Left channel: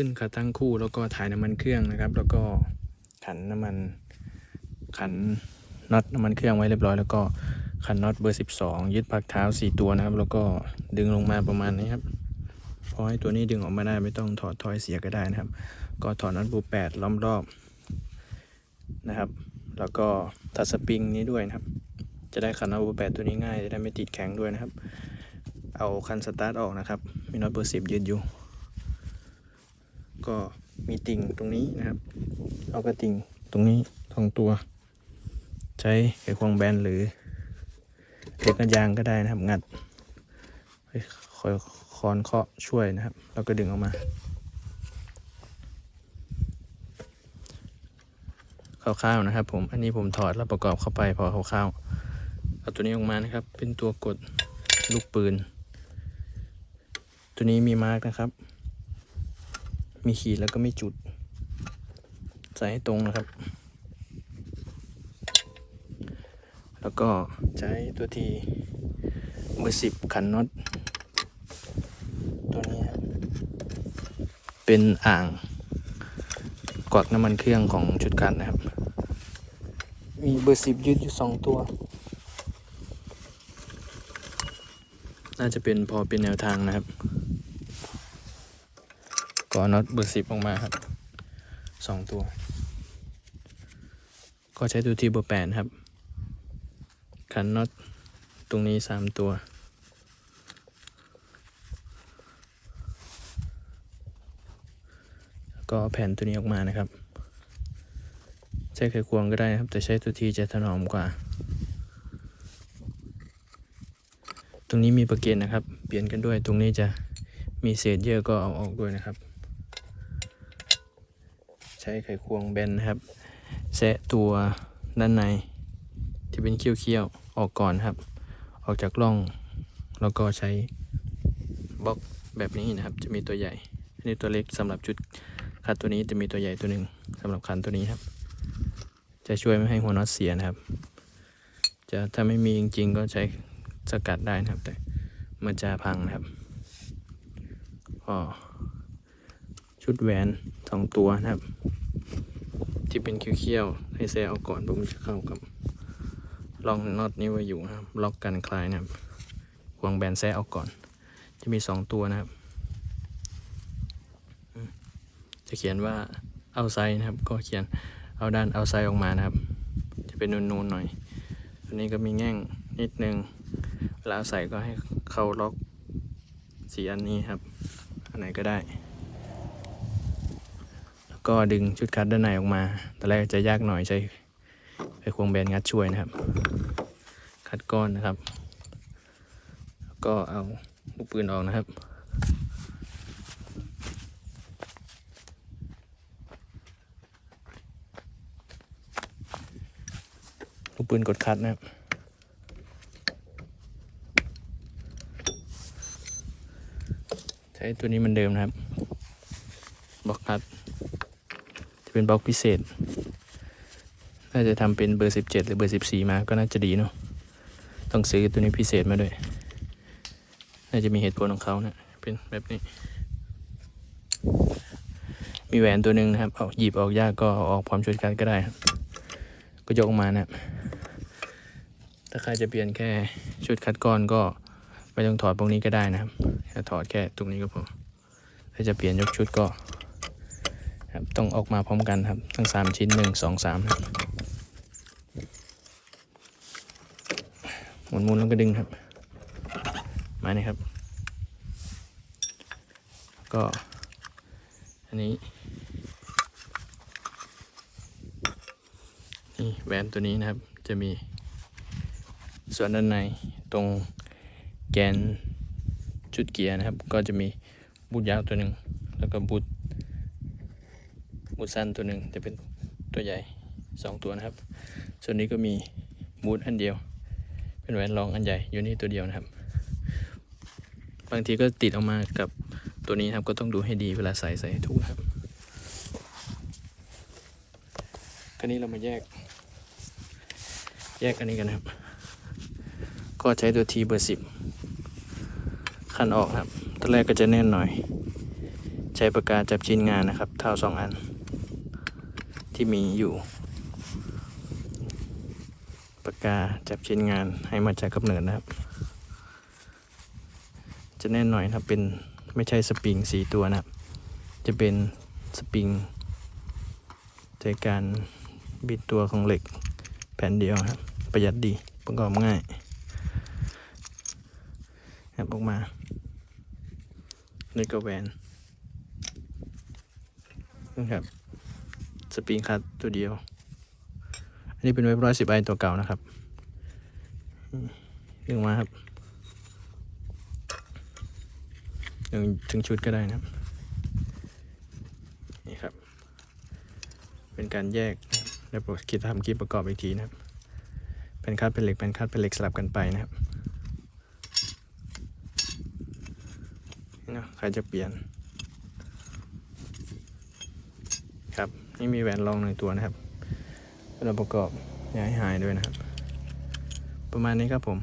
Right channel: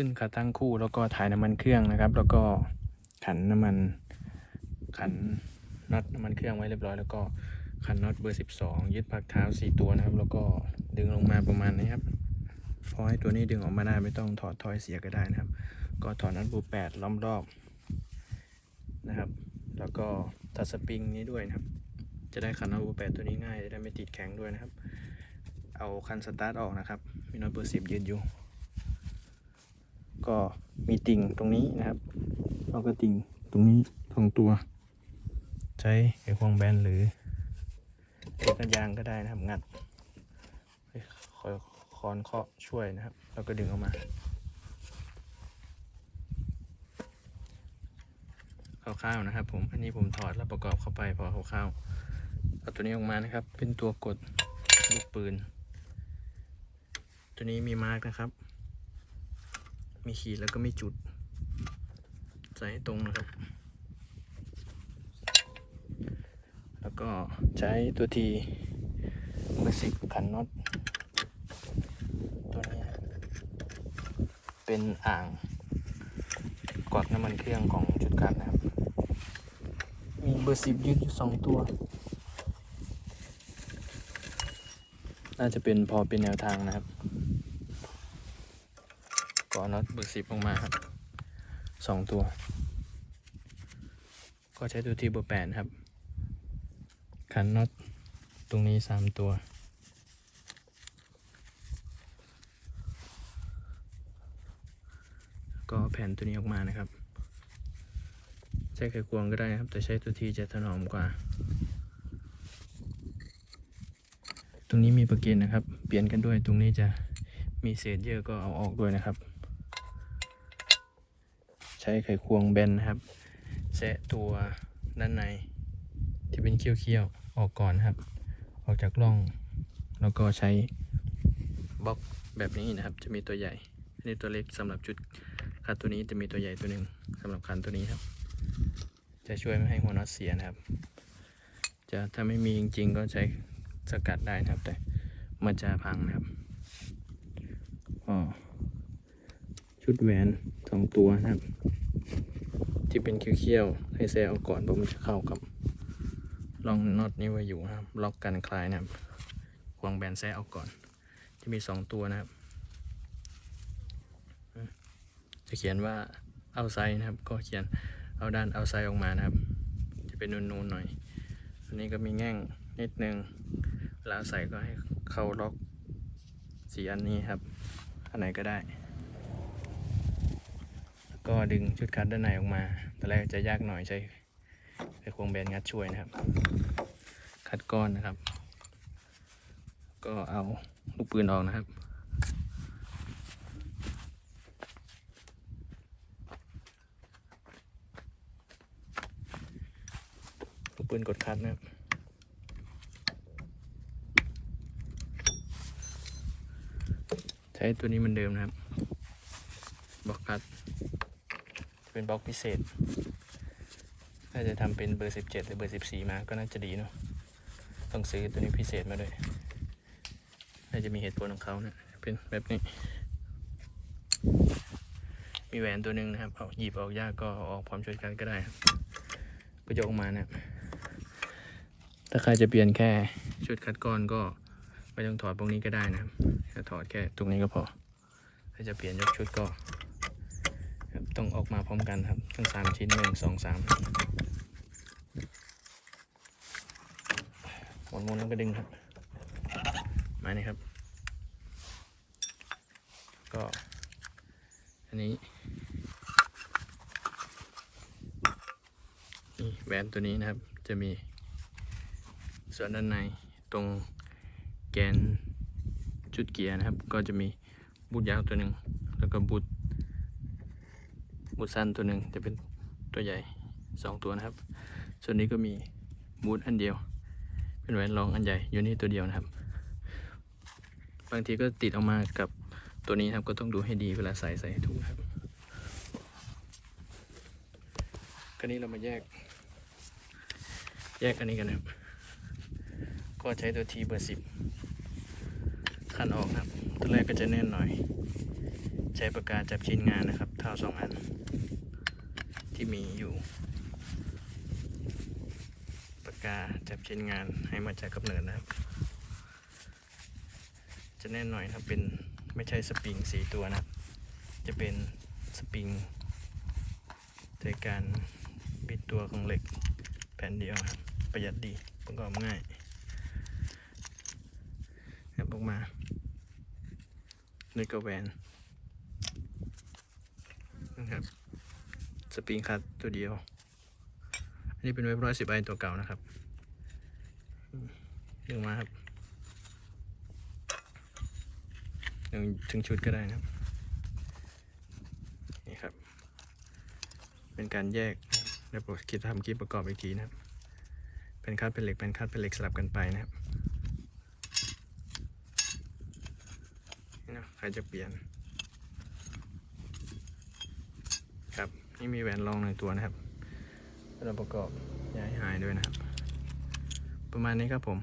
ขึ้นขาตั้งคู่แล้วก็ถ่ายน้ำมันเครื่องนะครับ แล้วก็ขันน้ำมันขันน็อตน้ำมันเครื่องไว้เรียบร้อยแล้วก็ขันน็อตเบอร์ 12 ยึดพักเท้า 4 ตัวนะครับ แล้วก็ดึงลงมาประมาณนี้ครับพอให้ตัวนี้ดึงออกมาได้ไม่ต้องถอดทอยเสียก็ได้นะครับ ก็ถอดน็อตบู8ล้อมรอบนะครับ แล้วก็ทัดสปริงนี้ด้วยนะครับ จะได้ขันน็อตบู8ตัวนี้ง่ายจะได้ไม่ติดแข็งด้วยนะครับ เอาคันสตาร์ทออกนะครับ มีน็อตเบอร์10ยืนอยู่ ก็มีติ่งตรงนี้นะครับ เอากระติ่งตรงนี้ของตัว ใช้ไขควงแบนหรือเล็กกันยางก็ได้นะครับ งัดคอยคอนเคาะช่วยนะครับ แล้วก็ดึงออกมา คร่าวๆนะครับ ผมอันนี้ผมถอดแล้วประกอบเข้าไปพอคร่าวๆเอาตัวนี้ออกมานะครับ เป็นตัวกดลูกปืน ตัวนี้มีมาร์กนะครับ มีขีดแล้วก็ไมีจุด ใส่ให้ตรงนะครับ แล้วก็ใช้ตัวทีเบอร์สิบขันน็อตตัวนี้ครับเป็นอ่างกอดน้ำมันเครื่องของชุดกันนะครับ มีเบอร์สิบยืดอยู่สองตัว น่าจะเป็นพอเป็นแนวทางนะครับ ก็น็อตเบอร์สิบออกมาครับสองตัว ก็ใช้ตัวที่เบอร์แปดครับ ขันน็อตตรงนี้สามตัวแล้วก็แผ่นตัวนี้ออกมานะครับ ใช้ไขควงก็ได้นะครับ แต่ใช้ตัวทีจะถนอมกว่า ตรงนี้มีประเกนนะครับ เปลี่ยนกันด้วยตรงนี้จะมีเศษเยอะก็เอาออกด้วยนะครับ ใช้ไขควงแบนนะครับแซะตัวด้านใน ที่เป็นเขี้ยวๆ ออกก่อนครับ ออกจากร่อง แล้วก็ใช้บล็อกแบบนี้นะครับ จะมีตัวใหญ่อันนี้ตัวเล็กสำหรับจุดคันตัวนี้จะมีตัวใหญ่ตัวหนึ่งสำหรับคันตัวนี้ครับ จะช่วยไม่ให้หัวน็อตเสียนะครับ จะถ้าไม่มีจริงๆ ก็ใช้สกัดได้นะครับ แต่มันจะพังนะครับอ๋อชุดแหวนสองตัวนะครับ ที่เป็นเขี้ยวๆให้แซะเอาก่อนเพราะมันจะเข้ากับลองน็อตนี้ไว้อยู่นะครับ ล็อกกันคลายนะครับควงแบนแซะเอาก่อน จะมีสองตัวนะครับ จะเขียนว่าเอาไซนะครับ ก็เขียนเอาด้านเอาไซออกมานะครับ จะเป็นนูนๆหน่อย อันนี้ก็มีแง่งนิดนึงเวลาเอาใส่ก็ให้เข้าล็อกสีอันนี้ครับ อันไหนก็ได้ ก็ดึงชุดคัดด้านในออกมาตอนแรกจะยากหน่อยใช้ไขควงแบนงัดช่วยนะครับ คัดก้อนนะครับ ก็เอาลูกปืนออกนะครับลูกปืนกดคัดนะครับใช้ตัวนี้เหมันเดิมนะครับบล็อกคัด จะเป็นบล็อกพิเศษ น่าจะทำเป็นเบอร์ 17 หรือเบอร์ 14 มาก็น่าจะดีเนาะต้องซื้อตัวนี้พิเศษมาด้วย น่าจะมีเหตุผลของเขานะเป็นแบบนี้ มีแหวนตัวหนึ่งนะครับเอาหยิบออกยากก็ออกพร้อมชุดการดก็ได้ ก็ยกออกมานะถ้าใครจะเปลี่ยนแค่ชุดคัดก้อนก็ไม่ต้องถอดพวกนี้ก็ได้นะครับแค่ถอดแค่ตรงนี้ก็พอ ถ้าจะเปลี่ยนยกชุดก็ ต้องออกมาพร้อมกันครับ ทั้งสามชิ้นหนึ่งสองสามหมุนหมุนแล้วก็ดึงครับ มานี่ครับ ก็ อันนี้นี่แหวนตัวนี้นะครับ จะมีส่วนด้านในตรงแกนจุดเกียร์นะครับ ก็จะมีบูทยาวตัวหนึ่งแล้วก็บูท บูทสั้นตัวหนึ่งจะเป็นตัวใหญ่สองตัวนะครับ ส่วนนี้ก็มีบูทอันเดียว เป็นแหวนรองอันใหญ่อยู่นี่ตัวเดียวนะครับ บางทีก็ติดออกมากับตัวนี้นครับก็ต้องดูให้ดีเวลาใส่ใส่ถูกนะครับคราวนี้เรามาแยก แยกอันนี้กันนะครับ ก็ใช้ตัวทีเบอร์สิบคันออกนะครับตอนแรกก็จะแน่นหน่อย ใช้ปากกาจับชิ้นงานนะครับเท่าสองอัน ที่มีอยู่ ปากกาจับชิ้นงานให้มาจากกำเนิดนะครับ จะแน่นหน่อยนะครับเป็นไม่ใช่สปริงสีตัวนะครับ จะเป็นสปริงในการบิดตัวของเหล็กแผ่นเดียวครับ ประหยัดดีประกอบง่ายครับออกมานี่ก็แหวนนะครับ สปริงคัดตัวเดียว อันนี้เป็นเว็บร้อยสิบไอตัวเก่านะครับดึงมาครับดึงถึงชุดก็ได้นะครับ นี่ครับ เป็นการแยกนะครับแล้วผมคิดทำคลิปประกอบอีกทีนะครับเป็นคัดเป็นเหล็กเป็นคัดเป็นเหล็กสลับกันไปนะครับนี่นะใครจะเปลี่ยน ครับ นี่มีแหวนรองหนึ่งตัวนะครับเราประกอบอย่าให้หายด้วยนะครับ ประมาณนี้ครับผม